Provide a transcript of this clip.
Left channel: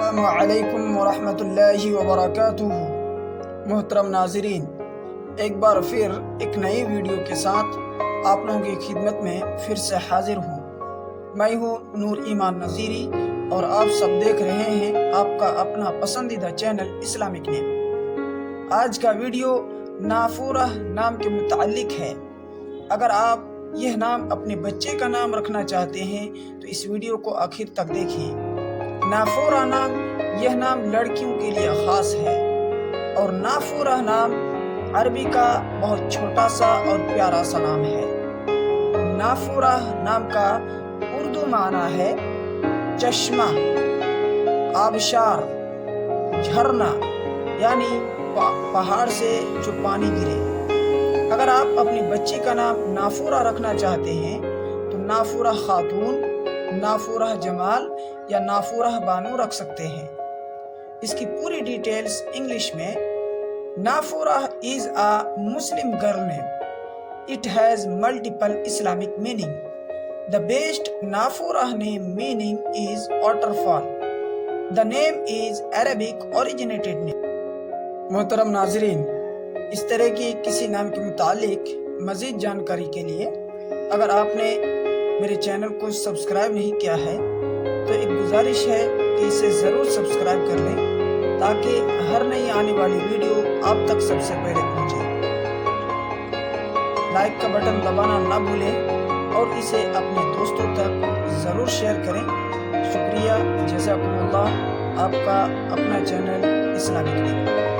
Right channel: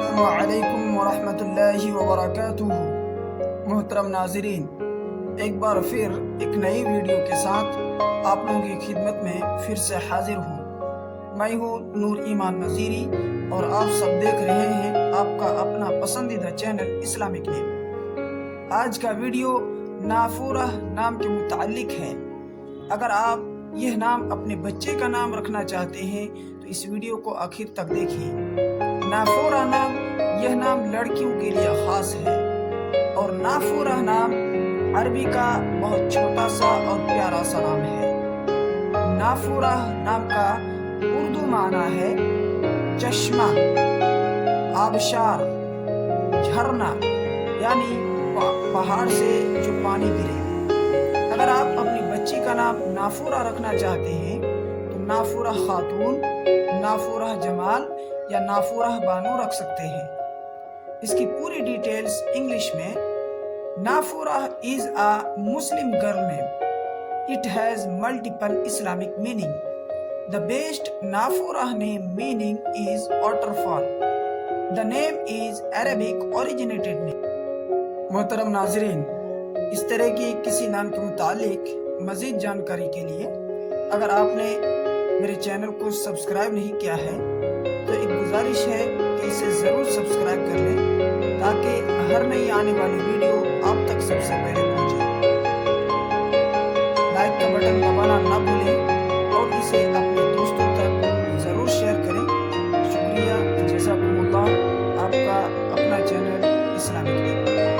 السلام علیکم ورحمۃ اللہ وبرکاتہ۔ محترم ناظرین، ایک بار پھر ایک نئی ویڈیو کے ساتھ آپ لوگوں کی خدمت میں پھر سے حاضر ہوں۔ میں ہوں نور ایمان نذیری اور آپ سب دیکھ رہے ہیں آپ کا اپنا پسندیدہ چینل اسلامک نیم۔ آج کا ویڈیو نافورہ نام کے متعلق ہے۔ اگر آپ یہ نام اپنے بچے کا نام رکھنا چاہتے ہیں تو اس ویڈیو کو آخر تک دیکھیں۔ نافورہ نام، یہ نام لڑکیوں کے لیے خاص ہے اور نافورہ نام عربی کا بہت چھوٹا سا اور پیارا سا نام ہے۔ نافورہ نام کا اردو معنی ہے چشمہ، آبشار، جھرنا، یعنی پہاڑ سے جو پانی گرے۔ اگر آپ اپنی بچی کا نام نافورہ رکھنا چاہتے ہیں تو نافورہ خاتون، نافورہ جمال یا نافورہ بانو رکھ سکتے ہیں۔ اس کی پوری ڈیٹیلز انگلش میں: نافورہ is a Muslim girl name. It has multiple Islamic meaning. The best Nafurah name meaning is waterfall. The name is Arabic originated name. محترم ناظرین، اس طرح کی کسی نام کے متعلق مزید جانکاری کے لیے اگر آپ نے میرے چینل کو سبسکرائب نہیں کیا ہے تو ایک گزارش ہے کہ اسے ضرور سبسکرائب کر لیں تاکہ ہر نئی آنے والی ویڈیو آپ تک سب سے پہلے پہنچے۔ لائک کا بٹن دبانا نہ بھولیں اور اسے اپنے دوستوں تک ضرور شیئر کریں۔ شکریہ، جزاکم اللہ۔ آپ کا اپنا چینل اسلامک نیم۔